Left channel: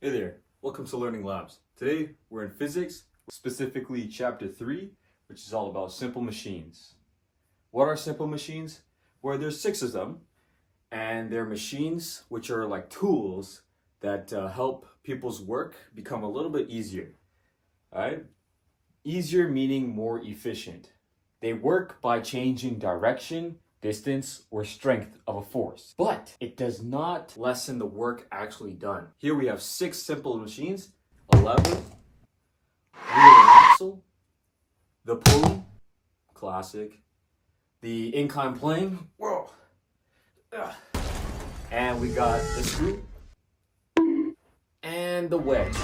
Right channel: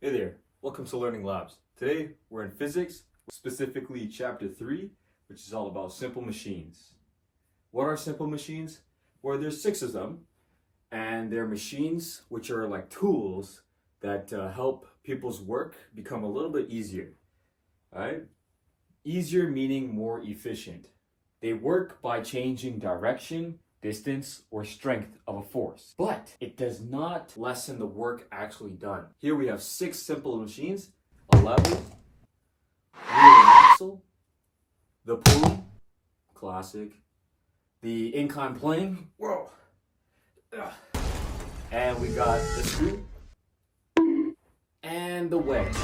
Hey there, welcome to Learning Labs. Today we're in physics, specifically chapter 3, which is all about simple machines. What are simple machines? Well, there's 6 of them, and they're machines which are like tools that help people's work become a little bit easier. Right? Easier meaning more efficient. They work by changing direction, distance, or strength of a force. But it does not lessen the work actually done. Here we have 6 simple machines: a lever, wheel and axle, the pulley, classic, the incline plane, whoa, and we got the screw, and the wedge.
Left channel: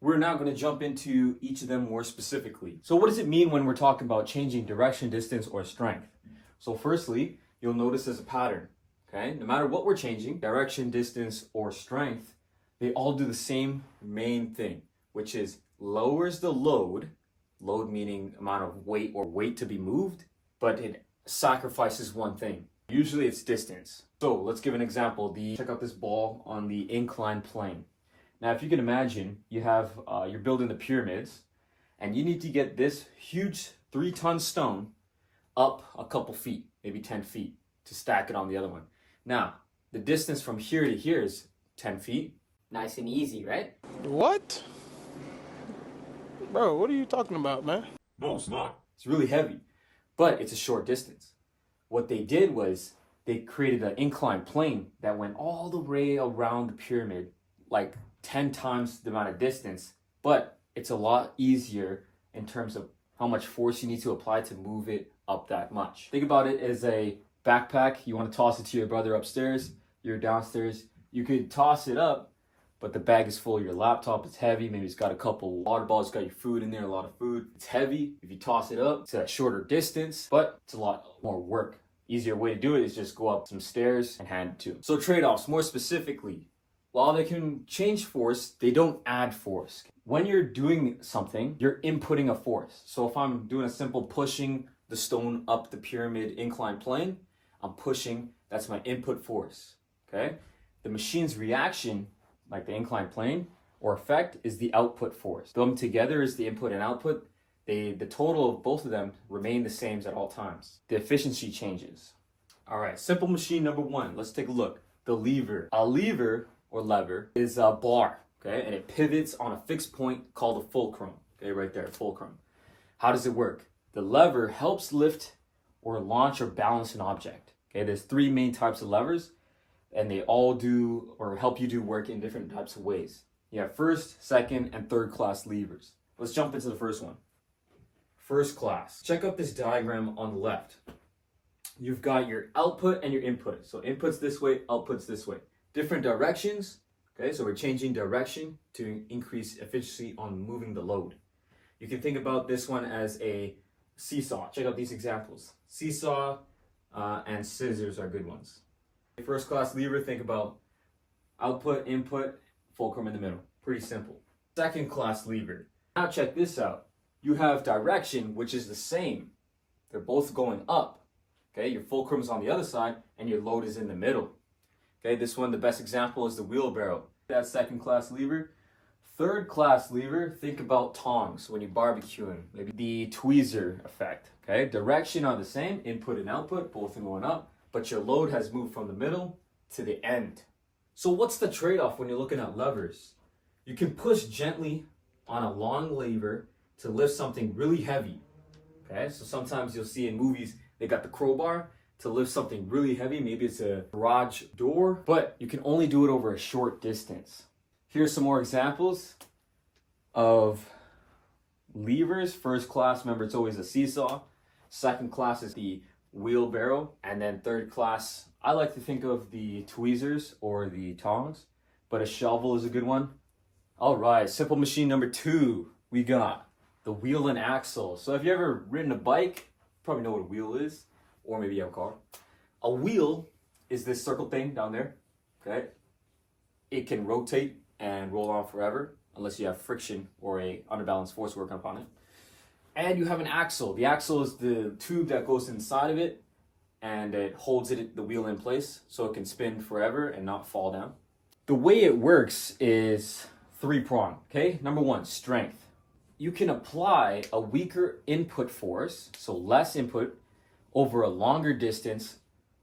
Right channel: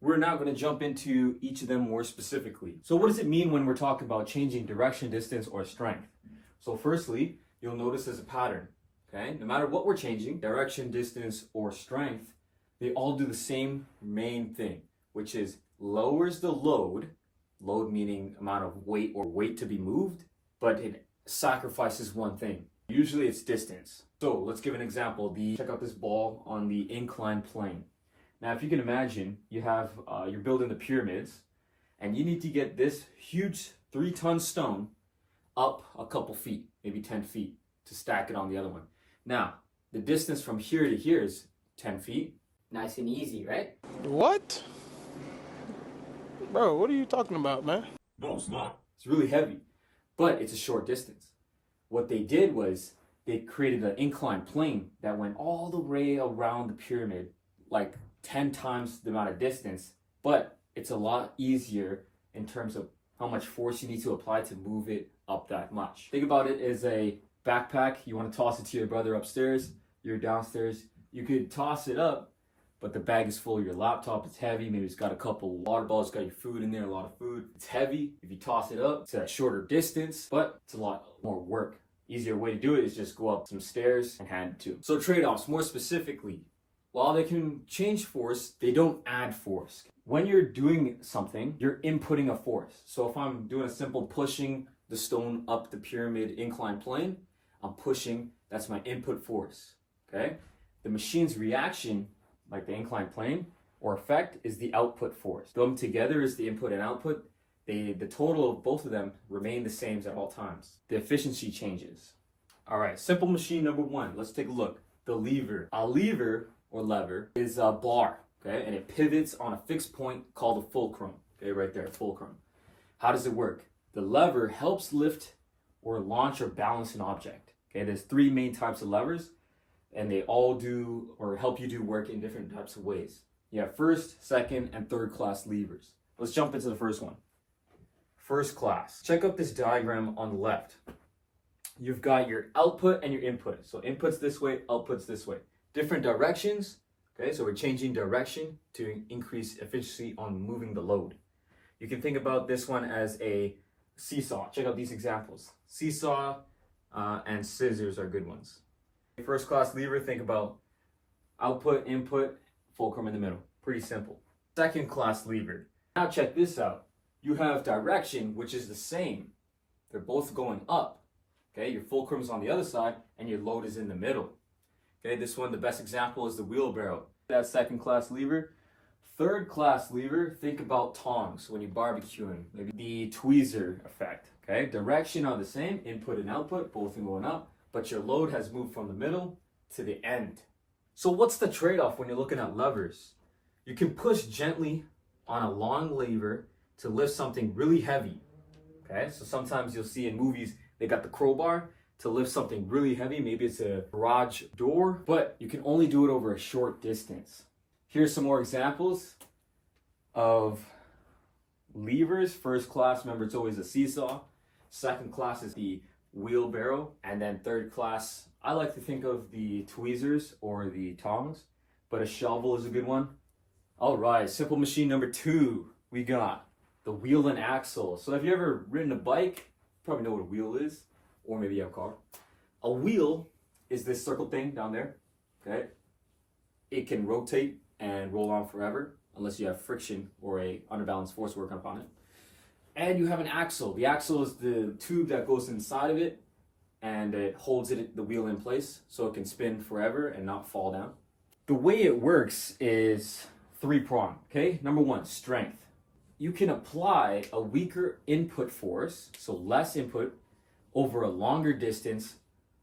We're now going to jump into each of them more specifically. So what does it mean when we're talking about changing direction, distance, or strength? So firstly, you'll notice there's a pattern, okay? No matter what we're changing, direction, distance, or strength, they all do the same main thing, which is lowers the load meaning amount of weight or weight to be moved, but it sacrifices one thing. Usually it's distance. So let's give an example. Check out this ball on the inclined plane. Now, if you can imagine, you're building the pyramids, and you need to get this huge 3-ton stone up a couple feet, maybe 10 feet, to stack it on the other one. Now, the distance from here to here is 10 feet. Nice and easy, right? What? Bro, what are you talking about, man? No, it's not. It's really heavy, but it's a short distance. What they did was they created an inclined plane that went all the way around the pyramid, like 10 times the amount of distance, but it's a lot easier in terms of how much force you need to apply to move it up that much. Think about it as a backpack. You want to toss it to your brother upstairs, you're downstairs. You could toss it up, but the bag is full. Your laptop is heavy. Maybe it's got a couple water bottles, got your food in there, a lot of food. It's heavy. If you toss it up, it's a shorter distance, but it's a lot more work. Easier way to do it is just go up some stairs and hand it to them. So trade-offs, more specifically, while they can change force, they don't add force. When you're doing something, you're inputting a force. So if I'm doing a simple pushing the stone up the pyramid inclined plane, I'm pushing, that's my input force, okay? The machine's reaction, like the inclined plane, or effect, is the output force. Them together is the input and output. The total of both of them remain the same at all times. The efficiency changes. All right, simple machine number 1. Let's take a look. The lever. A lever or lever is a bar, okay? And it pivots on a fixed point called a fulcrum, okay? Right there, fulcrum. How does it work? The lever helps lift or launch or balance an object, okay? There's 3 main types of levers, and they all do or help you do work in different types of ways. You have first, second, and third class levers. Let's jump into the first one. First class. Check out this diagram on the left. You've got your output and your input. So inputs this way, outputs this way. Different directions, okay? So we're changing direction to increase efficiency on moving the load. You can think about this one as a seesaw. Check out these examples. Seesaw and scissors are good ones. First class lever, think about output, input, fulcrum in the middle. Pretty simple. Second class lever. Now check this out. You have direction, which is the same. They're both going up. Okay, your fulcrum is on the other side and your load is in the middle. Okay, this one, the best example is the wheelbarrow. That's second class lever. Third class lever, think about tongs when you're barbecuing. Maybe the tweezer effect. Okay, direction are the same, input and output, both are going up, but your load has moved from the middle to the end. So what's the trade-off when you're looking at levers? You can push gently on a long lever to lift something really heavy. Okay, so sometimes you'll see in movies, they got the crowbar to lift something really heavy. Maybe it's a garage door, but you can only do it over a short distance. Here's some more examples of levers. First class, remember it's always a seesaw. Second class is the wheelbarrow. And then third class, I like to think of the tweezers or the tongs, but a shovel is a good one. All right, simple machine number 2, we got the wheel and axle. So if you ever ridden a bike, you probably know what a wheel is, or maybe you have a car. A wheel is this circle thing down there, okay? It can rotate and roll on forever unless you have friction or a underbalanced force working upon it. And you have an axle. The axle is the tube that goes inside of it and it holds the wheel in place so it can spin forever and not fall down. The way it works is three-pronged, okay? Number one, strength. You can apply a weaker input force, so less input, over a longer distance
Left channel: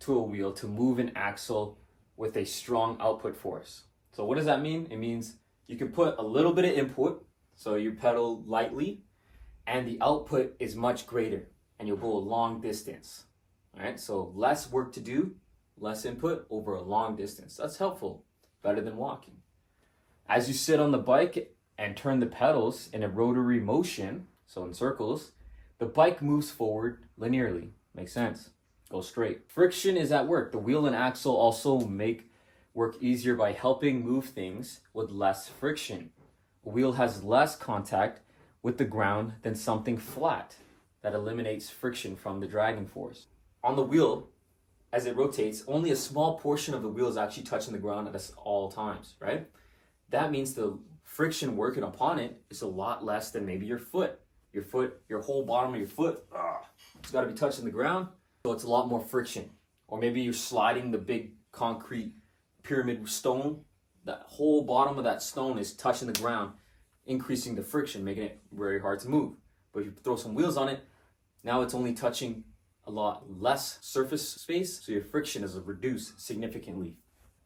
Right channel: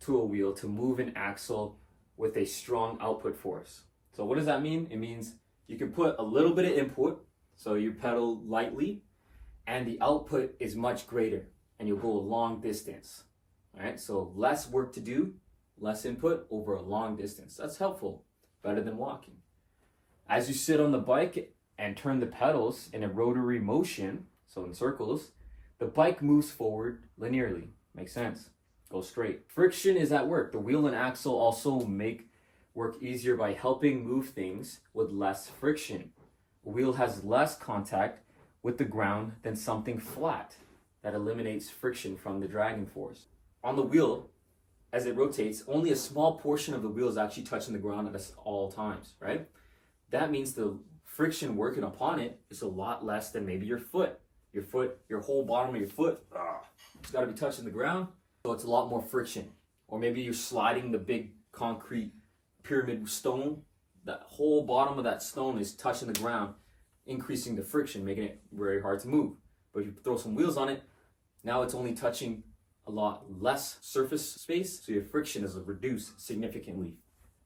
to a wheel to move an axle with a strong output force. So what does that mean? It means you can put a little bit of input, so you pedal lightly, and the output is much greater, and you'll go a long distance. All right, so less work to do, less input over a long distance. That's helpful, better than walking. As you sit on the bike and turn the pedals in a rotary motion, so in circles, the bike moves forward linearly. Makes sense. Go straight. Friction is at work. The wheel and axle also make work easier by helping move things with less friction. A wheel has less contact with the ground than something flat. That eliminates friction from the dragging force. On the wheel, as it rotates, only a small portion of the wheel is actually touching the ground at all times, right? That means the friction working upon it is a lot less than maybe your foot. Your whole bottom of your foot, it's got to be touching the ground, so it's a lot more friction. Or maybe you're sliding the big concrete pyramid stone. That whole bottom of that stone is touching the ground, increasing the friction, making it very hard to move. But if you throw some wheels on it, now it's only touching a lot less surface space, so your friction is reduced significantly.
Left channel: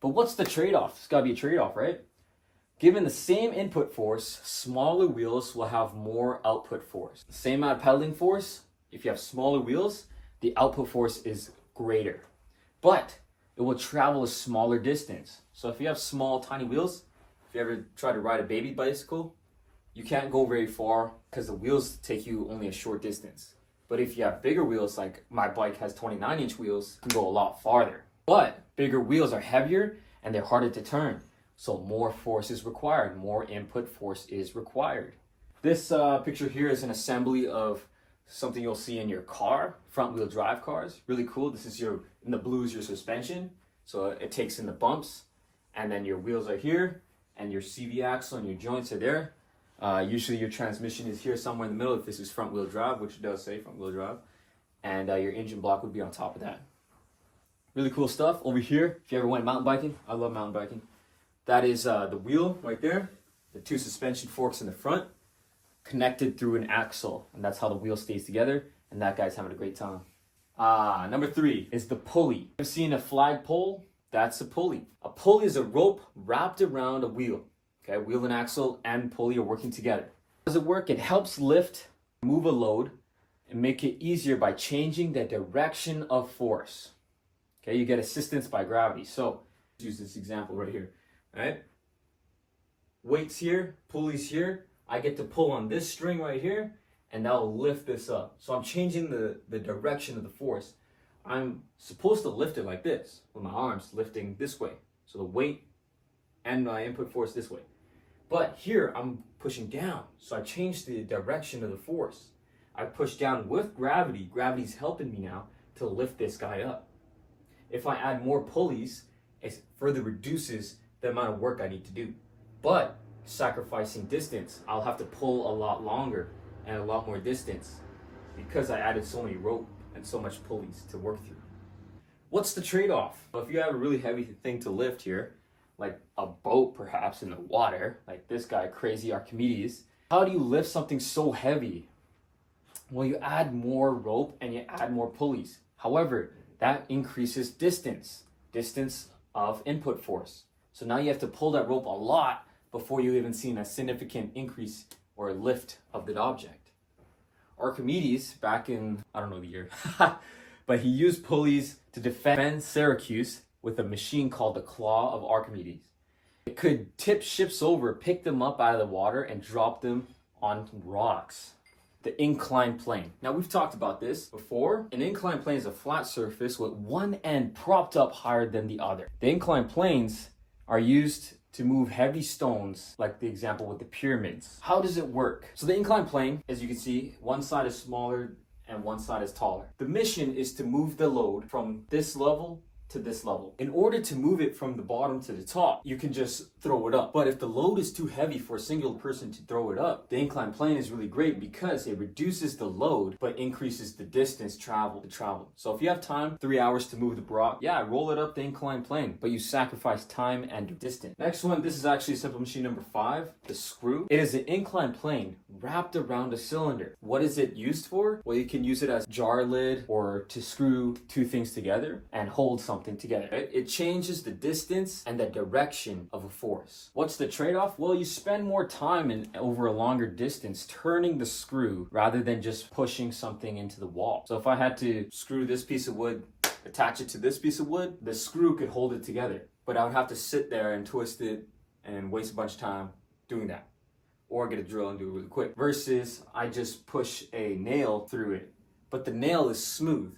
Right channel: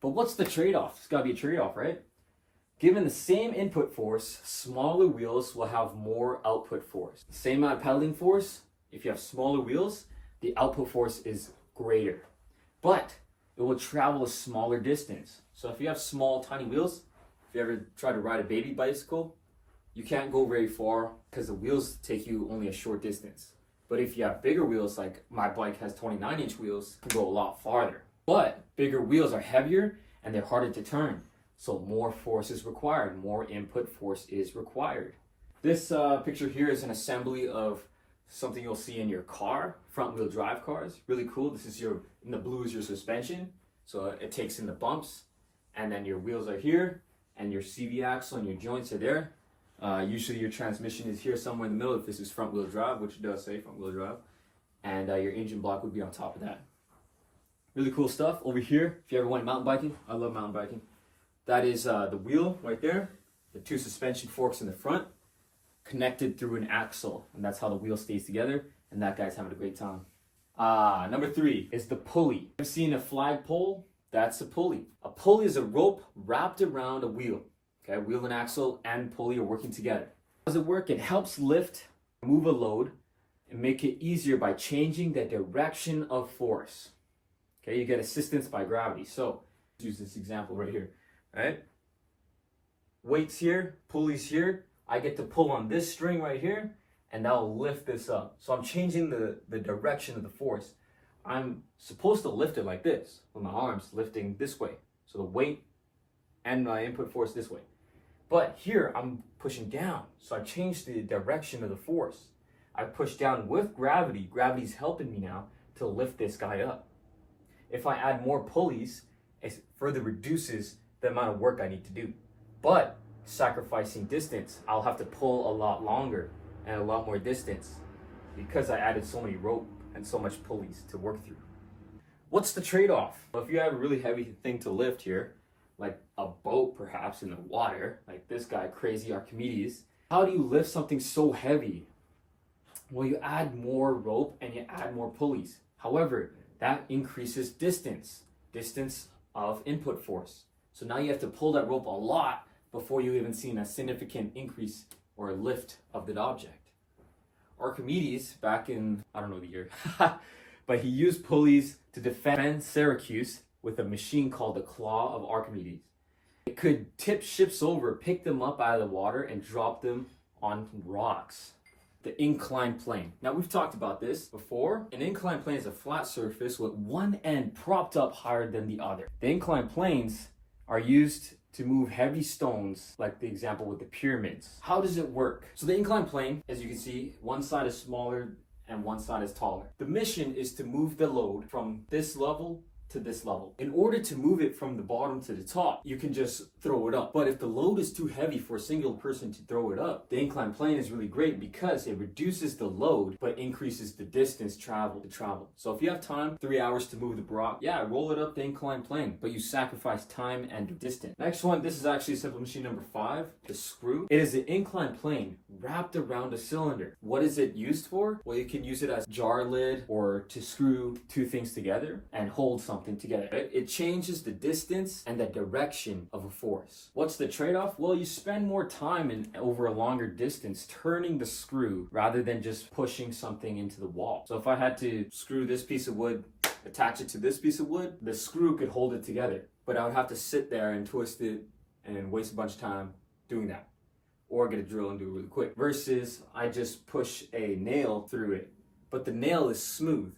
But what's the trade-off? It's got to be a trade-off, right? Given the same input force, smaller wheels will have more output force. Same amount of pedaling force, if you have smaller wheels, the output force is greater. But it will travel a smaller distance. So if you have small, tiny wheels, if you ever try to ride a baby bicycle, you can't go very far because the wheels take you only a short distance. But if you have bigger wheels, like my bike has 29-inch wheels, you can go a lot farther. But bigger wheels are heavier and they're harder to turn. So more force is required, more input force is required. This picture here is an assembly of something you'll see in your car, front wheel drive cars. Really cool. This is in the blue is your suspension. So it takes in the bumps, and then your wheels are here, and your CV axle and your joints are there. Usually your transmission is here somewhere in the middle if this is front wheel drive, which it does say front wheel drive. And your engine block would be on top of that. Really cool stuff. Over here, if you ever went mountain biking, I love mountain biking. That is the wheel right there, the two suspension forks in the front, connected through an axle, and that's how the wheel stays together, and that guy's having a great time. Number 3 is the pulley. I've seen a flag pole, that's a pulley. A pulley is a rope wrapped around a wheel. Okay, wheel and axle and pulley are working together. How does it work? It helps lift, move a load, and make it easier by changing the direction of force. Okay, you get assistance by gravity. So, use this example right here. Right? Weights here, pulleys here. I get to pull on this string right here, and that will lift this up. So I'm changing the direction of the force. I'm supposed to lift it like this, with my arms lifting this way. So the weight and my input force this way. But here I'm pushing down. So I changed the direction of the force. I push down with gravity. Gravity's helping me now to lift this guy up. If I add more pulleys, it further reduces the amount of work I need to do. But sacrificing distance, I'll have to pull a lot longer and a lot more distance because I added so many rope and so much pulleys to work through. What's the trade-off? Well, if you have a really heavy thing to lift here, like a boat perhaps in the water, like this guy, crazy Archimedes, how do you lift something so heavy? Well, you add more rope and you add more pulleys. However, that increases distance of input force. So now you have to pull that rope a lot before you even see a significant increase or lift of the object. Archimedes, back in, I don't know the year, but he used pulleys to defend Syracuse with a machine called the Claw of Archimedes. It could tip ships over, pick them up out of the water, and drop them on rocks. The inclined plane. Now we've talked about this before. An inclined plane is a flat surface with one end propped up higher than the other. The inclined planes are used to move heavy stones, like the example with the pyramids. How does it work? So the inclined plane, as you can see, one side is smaller and one side is taller. The mission is to move the load from this level to this level. In order to move it from the bottom to the top, you can just throw it up. But if the load is too heavy for a single person to throw it up, the incline plane is really great because it reduces the load but increases the distance travel. So if you have time, 3 hours to move the block, yeah, roll it up the incline plane, but you sacrifice time and distance. Next one, this is actually simple machine number 5, the screw. It is an incline plane wrapped around a cylinder. What is it used for? Well, you can use it as jar lid or to screw two things together and hold something together. Right? It changes the distance and the direction of a force. What's the trade-off? Well, you spend more time over a longer distance turning the screw rather than just pushing something into the wall. So if I had to screw this piece of wood, attach it to this piece of wood, the screw could hold it together. But I would have to sit there and twist it and waste a bunch of time doing that. Or get a drill and do it really quick. Versus I just push a nail through it. But the nail is smooth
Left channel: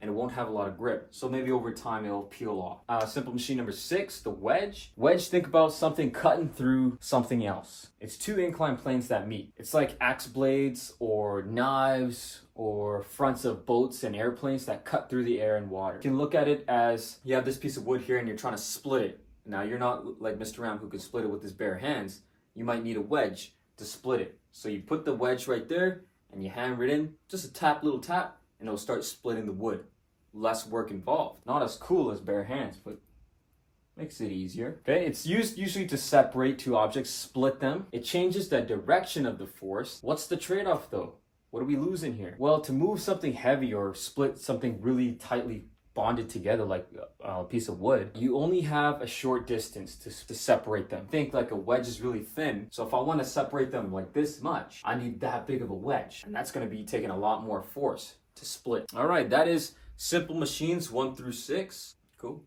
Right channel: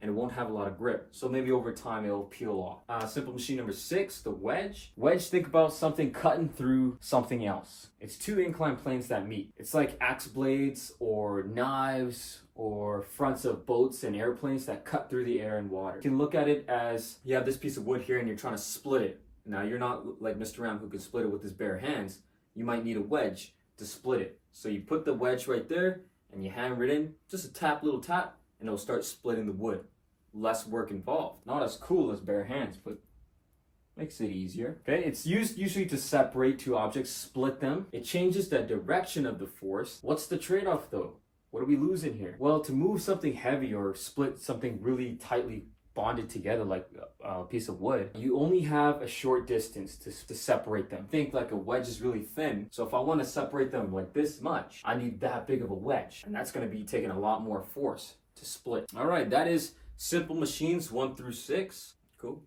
and it won't have a lot of grip. So maybe over time it'll peel off. Simple machine number 6, the wedge. Wedge, think about something cutting through something else. It's two inclined planes that meet. It's like axe blades or knives or fronts of boats and airplanes that cut through the air and water. You can look at it as you have this piece of wood here and you're trying to split it. Now you're not like Mr. Ram who can split it with his bare hands. You might need a wedge to split it. So you put the wedge right there and you hammer it in, just a little tap, and it'll start splitting the wood. Less work involved. Not as cool as bare hands, but makes it easier. Okay, it's used usually to separate two objects, split them. It changes the direction of the force. What's the trade-off though? What are we losing here? Well, to move something heavy or split something really tightly bonded together like a piece of wood, you only have a short distance to separate them. Think like a wedge is really thin, so if I want to separate them like this much, I need that big of a wedge, and that's going to be taking a lot more force to split. All right, that is simple machines 1 through 6. Cool.